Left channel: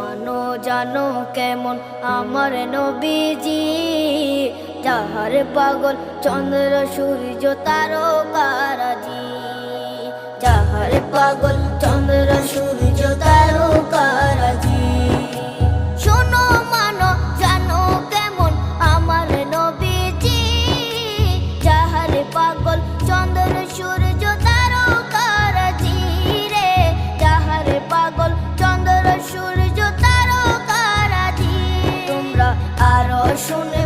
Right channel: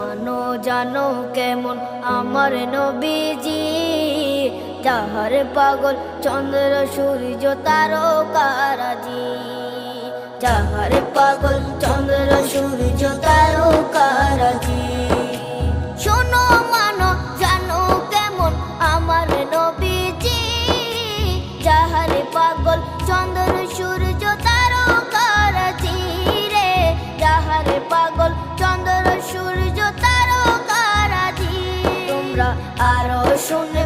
মানো জানো কেমন আমার নবীজি, যাহার পাগল চন্দ্র সূর্য তারকারাজি, যাহার পাগল চন্দ্র সূর্য তারকারাজি। শোনো মানো জানো কেমন আমার নবীজি, যাহার পাগল চন্দ্র সূর্য তারকারাজি রে, যাহার পাগল চন্দ্র সূর্য তারকারাজি। তোমরা আরো শুনে